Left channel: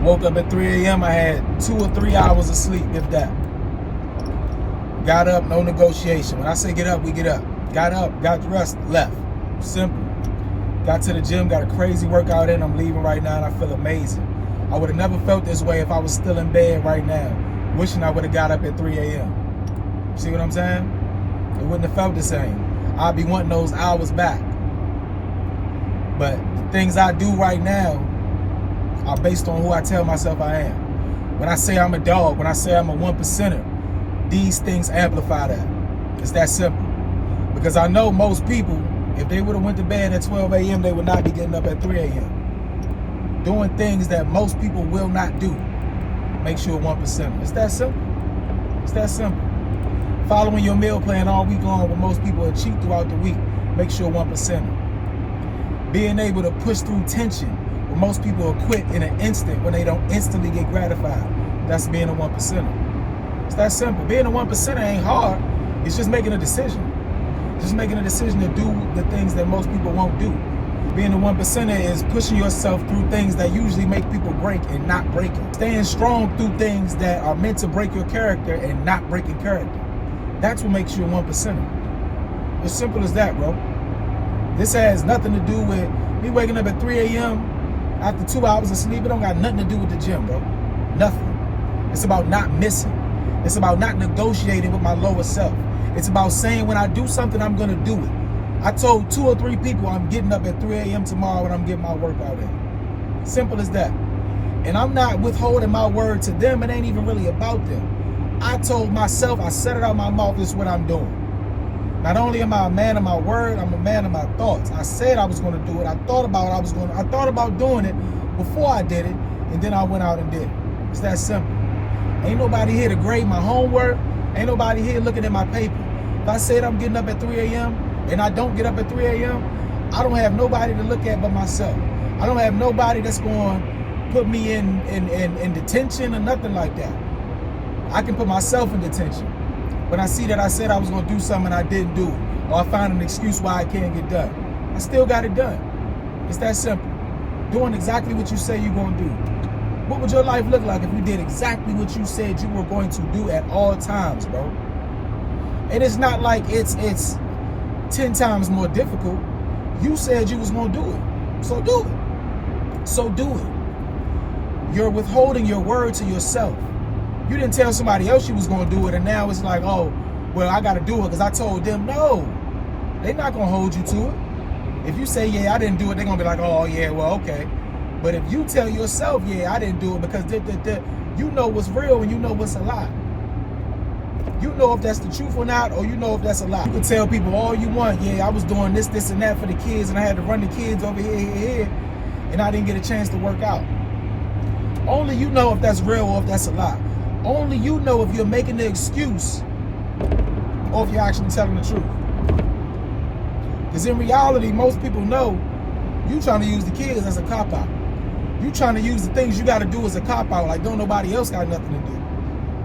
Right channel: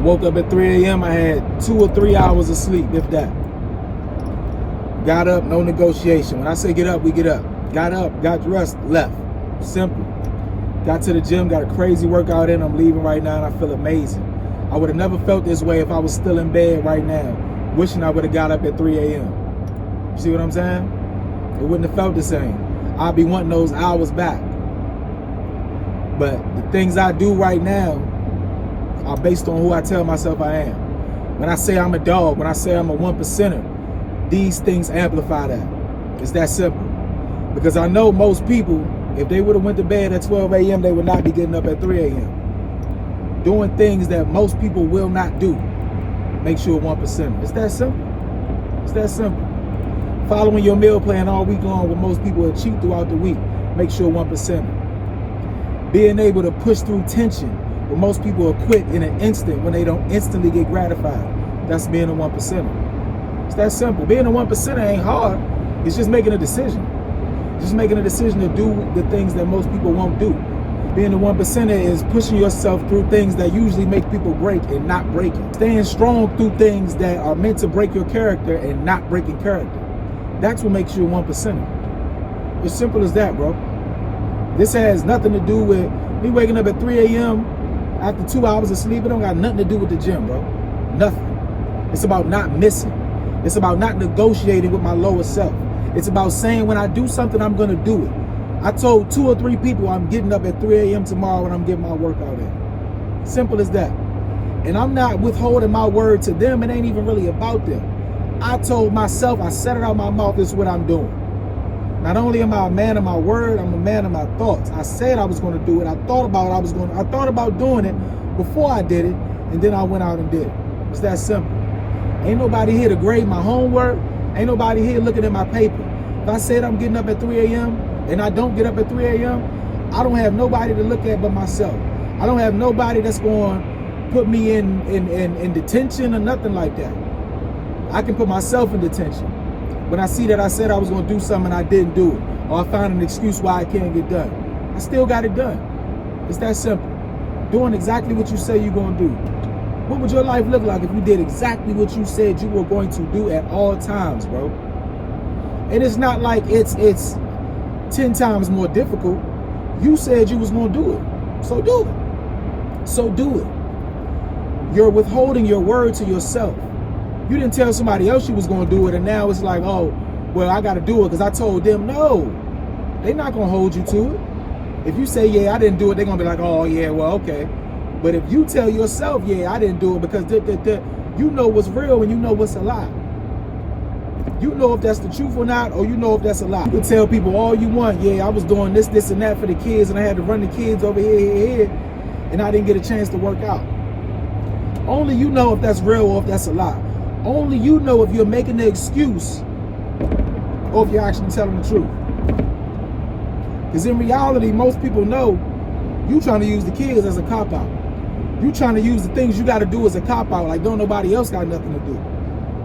woke up at 3 a.m. I had 2 or 3 hours of sleep, if that. Got up, no negotiation. When I say get up, we get up. Got up, got dressed, left. Simple. Got to the gym, got a crazy workout in. I'm leaving right now and I feel amazing. I would have never felt this way if I was still in bed right now, wishing I would have got up at 3 a.m. See what I'm saying? It wouldn't have felt the same. I'd be wanting those hours back. But the things I do right now are based on who I tell myself I am. When I say I'm a dog, when I say I'm a 1%er, these things amplify that. It's that simple. Because I know most people, if they would have went to bed at 12 a.m., they would not be getting up at 3 a.m. Doing things that most people will not do makes you a 1%er. It's that simple. It's that simple. Following your meal plan all week long when most people are cheat throughout the week makes you a 1%er. Being able to push through tension when most people will quit in an instant when they don't instantly get gratified, that's being a 1%er. It's that simple. Being a 1%er ain't hard. It's just making a decision. Just making a decision to do the things that most people won't do. Being a 1%er is pushing yourself through things that usually make people break and not breaking. Staying strong through things that are meant to break your character and not breaking character. That's what makes you a 1%er. As simple as that, bro. This has nothing to do with me waking up at 3 a.m. after 2 hours of sleep. It don't got nothing to do with the gym, bro. Nothing. It's about not missing. It's about not negotiating with my lower self. It's about saying when I do something, I'm going to do it. I told 2 or 3 people I'm getting up at 3 a.m. tomorrow and I'm getting my workout in. Simple as that. And I'm not withholding my word to them. It ain't even really about them. I told myself, I said it out my mouth, this is what I'm doing. Not only am I a man of my word, I'm a man of my thoughts. I said I was going to do it. I thought about doing it before I did it, and then I went out and did it. It's that simple. Ain't nobody here to grade my homework. Ain't nobody here looking at my paper. If I said I'm getting up at 3 a.m. and I don't get up at 3 a.m., I don't have nobody to look at but myself. I don't have nobody that's going to put me in detention or nothing like that. I can put myself in detention. When I see that I said I was going to do something and I didn't do it, or I found an excuse why I can't get done, I still got it done. It's that simple. Doing exactly what you say you're going to do. What would your life look like if you did exactly what you said you were going to do at all times, bro? And it's not like it's 10 times more difficult. You said you was going to do it. So do it. So do it. You're withholding your word to yourself. You didn't tell somebody else you was going to do it, and now it's like, oh, well, I got to do it because I told them. No, they're not going to hold you to it. If you say, yeah, I didn't do it, they're going to be like, oh, yeah, well, okay. But if you tell yourself, yeah, I didn't do it because you know what's real and you know what's a lie. You know if that's the truth or not, or you know if that's a lie. You can tell people all you want, yeah, I was doing this, and that for the kids, and I had to run the kids over here, and I didn't get a chance to work out. Only you know if that's real or if that's a lie. Only you know if you're making the excuse or if you're actually telling the truth. Because in reality, most people know you trying to use the kids as a cop-out. You trying to use the things you got to do as a cop-out, like don't nobody else got nothing to do.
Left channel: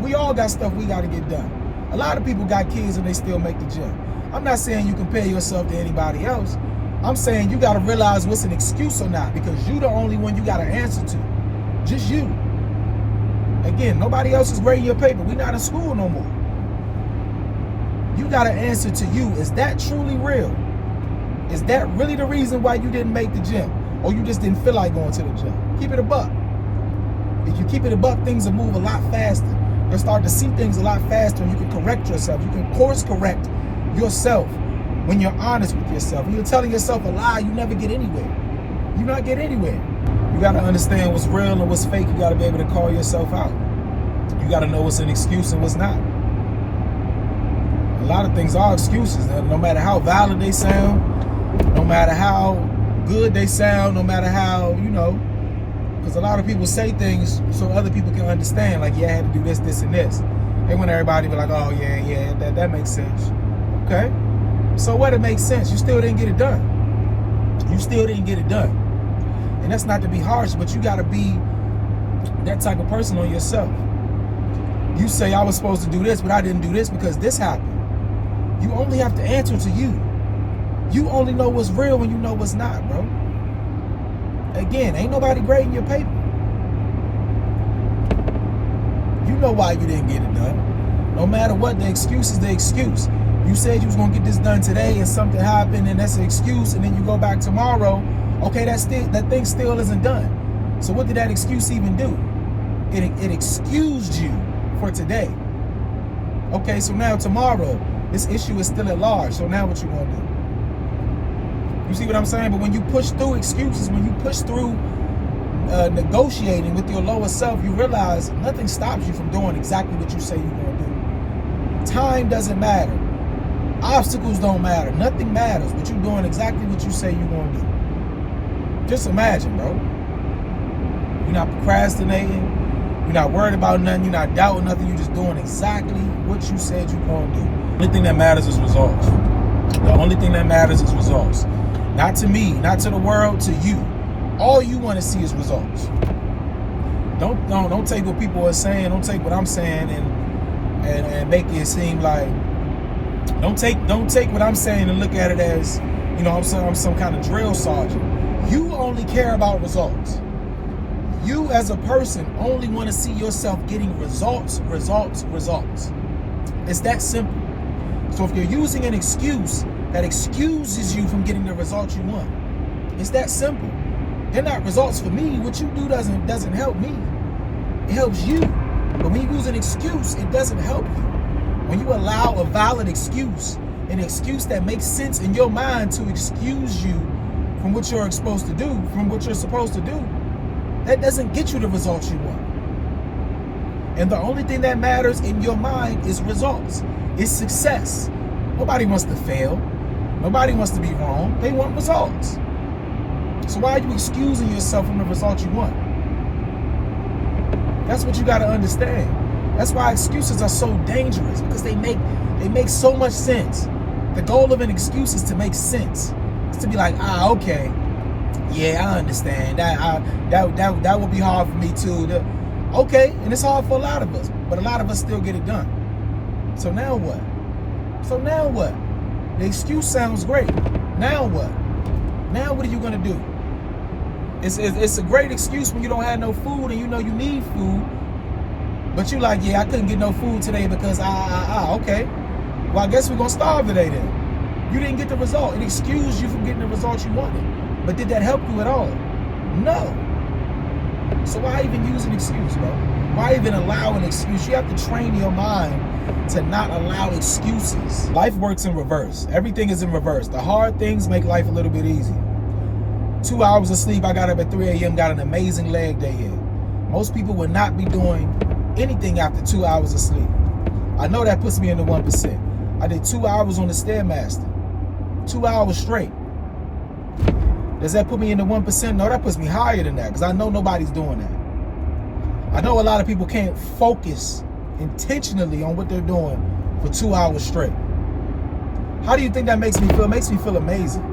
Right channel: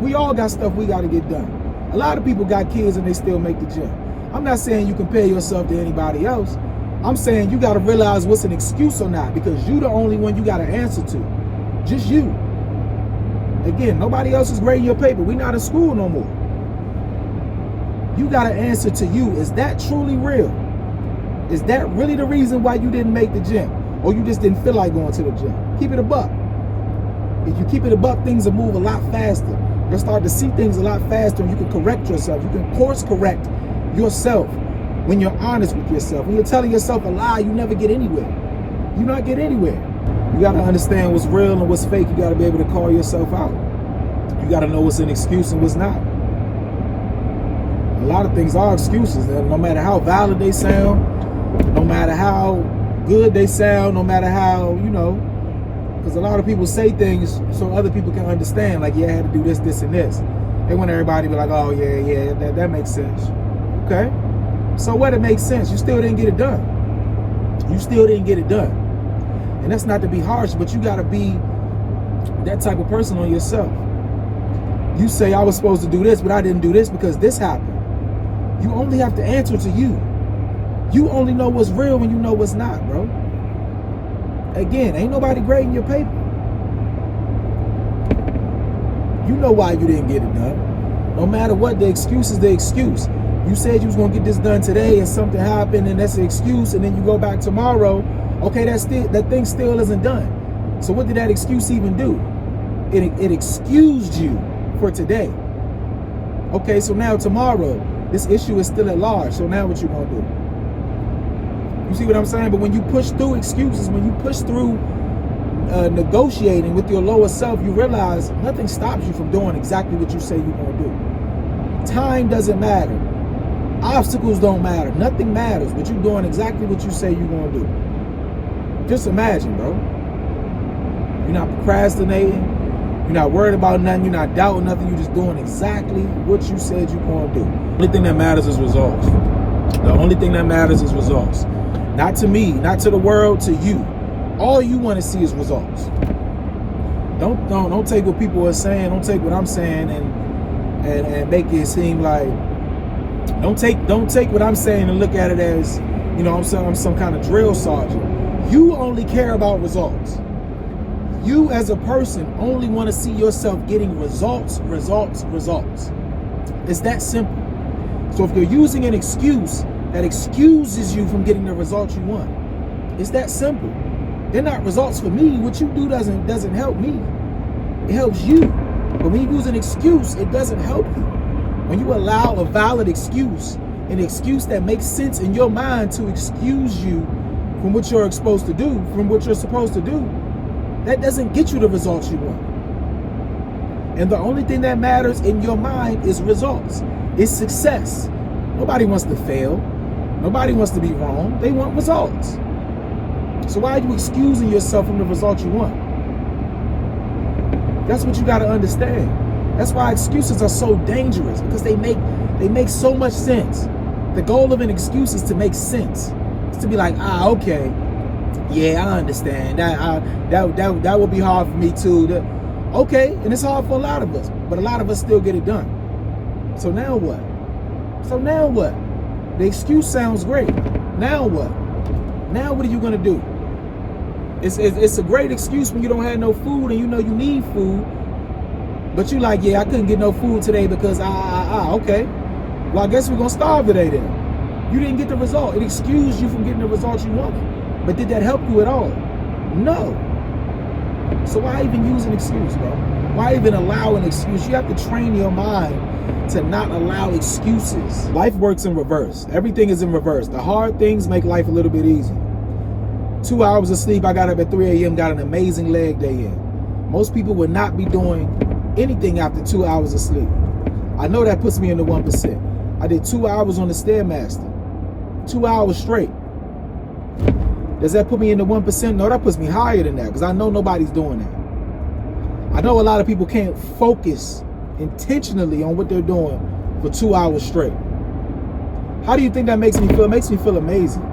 We all got stuff we got to get done. A lot of people got kids and they still make the gym. I'm not saying you compare yourself to anybody else. I'm saying you got to realize what's an excuse or not, because you the only one you got to answer to. Just you. Again, nobody else is grading your paper. We not in school no more. You got to answer to you. Is that truly real? Is that really the reason why you didn't make the gym? Or you just didn't feel like going to the gym? Keep it a buck. If you keep it a buck, things will move a lot faster. You'll start to see things a lot faster, and you can correct yourself. You can course correct yourself when you're honest with yourself. When you're telling yourself a lie, you never get anywhere. You not get anywhere. You got to understand what's real and what's fake. You got to be able to call yourself out. You got to know what's an excuse and what's not. A lot of things are excuses. No matter how valid they sound, no matter how good they sound, no matter how, because a lot of people say things so other people can understand, like, yeah, I had to do this, this, and this. They want everybody to be like, oh, yeah, that makes sense. Okay. So what? It makes sense. You still didn't get it done. You still didn't get it done. And that's not to be harsh, but you got to be that type of person on yourself. You say, I was supposed to do this, but I didn't do this because this happened. You only have to answer to you. You only know what's real when you know what's not, bro. Again, ain't nobody grading your paper. You know why you didn't get it done. No matter what, the excuse is the excuse. You said you was gonna get this done today and something happened and that's an excuse, and then you go back tomorrow. Okay, that thing still isn't done. So what did that excuse even do? It excused you for today. Okay, so now tomorrow, this issue is still at large. So now what you gonna do? You see what I'm saying? But when you push through excuses, when you push through negotiating with your lower self, you realize nothing stops you from doing exactly what you say you're gonna do. Time doesn't matter. Obstacles don't matter. Nothing matters, but you're doing exactly what you say you're gonna do. Just imagine, bro. You're not procrastinating. You're not worried about nothing. You're not doubting nothing. You're just doing exactly what you said you're going to do. The only thing that matters is results. The only thing that matters is results. Not to me, not to the world, to you. All you want to see is results. Don't take what people are saying. Don't take what I'm saying and make it seem like. Don't take what I'm saying and look at it as, you know, I'm some kind of drill sergeant. You only care about results. You as a person only want to see yourself getting results. It's that simple. So if you're using an excuse that excuses you from getting the results you want, it's that simple. They're not results for me. What you do doesn't help me. It helps you. But when you use an excuse, it doesn't help you. When you allow a valid excuse, an excuse that makes sense in your mind to excuse you from what you're supposed to do, that doesn't get you the results you want. And the only thing that matters in your mind is results. It's success. Nobody wants to fail. Nobody wants to be wrong. They want results. So why are you excusing yourself from the results you want? That's what you got to understand. That's why excuses are so dangerous, because they make so much sense. The goal of an excuse is to make sense. It's to be like, okay, yeah, I understand. That would be hard for me too. Okay, and it's hard for a lot of us, but a lot of us still get it done. So now what? The excuse sounds great. Now what? Now what are you gonna do? It's a great excuse when you don't have no food and you know you need food, but you like, yeah, I couldn't get no food today because okay. Well, I guess we're gonna starve today then. You didn't get the result. It excused you from getting the results you wanted. But did that help you at all? No. So why even use an excuse, bro? Why even allow an excuse? You have to train your mind to not allow excuses. Life works in reverse. Everything is in reverse. The hard things make life a little bit easy. 2 hours of sleep, I got up at 3 a.m., got an amazing leg day in. Most people would not be doing anything after 2 hours of sleep. I know that puts me in the 1%. I did 2 hours on the Stairmaster. 2 hours straight. Does that put me in the 1%? No, that puts me higher than that, because I know nobody's doing that. I know a lot of people can't focus intentionally on what they're doing for 2 hours straight. How do you think that makes me feel? It makes me feel amazing.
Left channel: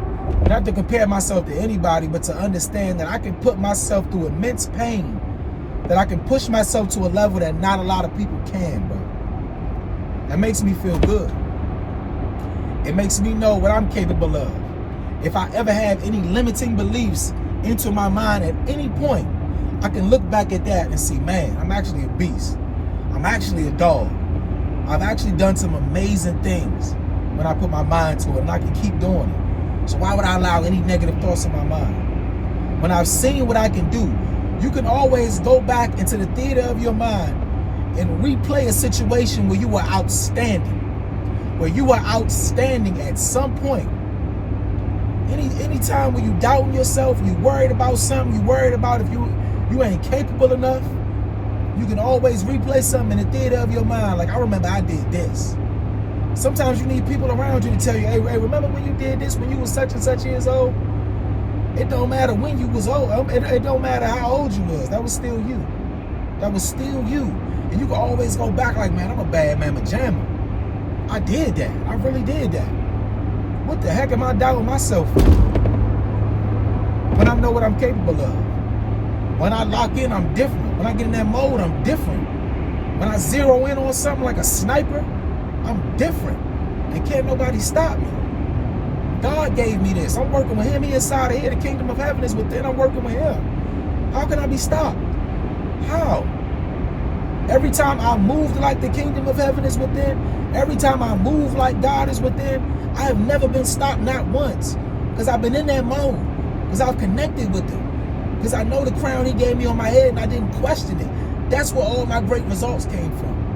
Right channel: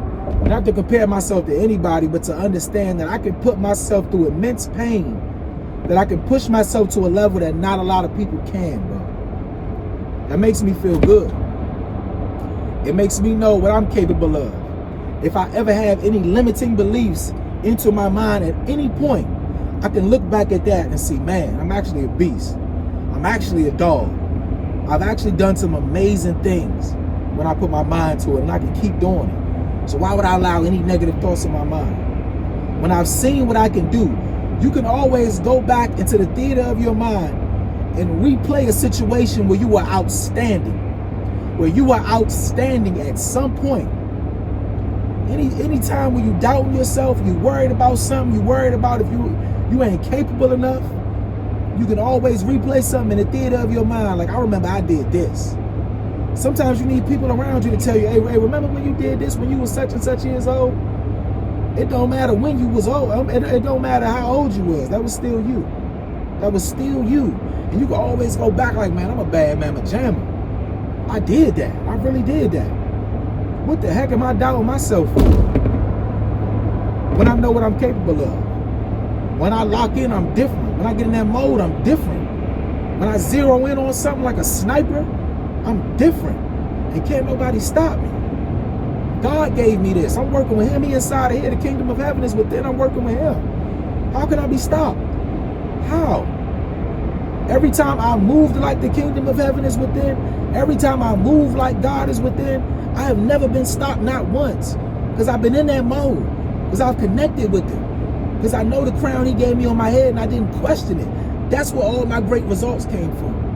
Not to compare myself to anybody, but to understand that I can put myself through immense pain, that I can push myself to a level that not a lot of people can, bro. That makes me feel good. It makes me know what I'm capable of. If I ever have any limiting beliefs into my mind at any point, I can look back at that and see, man, I'm actually a beast. I'm actually a dog. I've actually done some amazing things when I put my mind to it, and I can keep doing it. So why would I allow any negative thoughts in my mind? When I've seen what I can do, you can always go back into the theater of your mind and replay a situation where you were outstanding. Where you were outstanding at some point. Any time when you doubting yourself, you worried about something, you worried about if you ain't capable enough, you can always replay something in the theater of your mind. Like, I remember I did this. Sometimes you need people around you to tell you, hey, remember when you did this when you was such and such years old? It don't matter when you was old. It don't matter how old you was. That was still you. That was still you. And you can always go back like, man, I'm a bad mama jamma. I did that. I really did that. What the heck am I doubting myself for? When I know what I'm capable of. When I lock in, I'm different. When I get in that mode, I'm different. When I zero in on something like a sniper, I'm different. And can't nobody stop me. God gave me this. I'm working with him. He inside of here. The kingdom of heaven is within. I'm working with him. How can I be stopped? How? Every time I move like the kingdom of heaven is within, every time I move like God is within, I have never been stopped, not once. Because I've been in that mode. Because I've connected with him. Because I know the crown he gave me on my head and I didn't question it. That's where all my great results came from.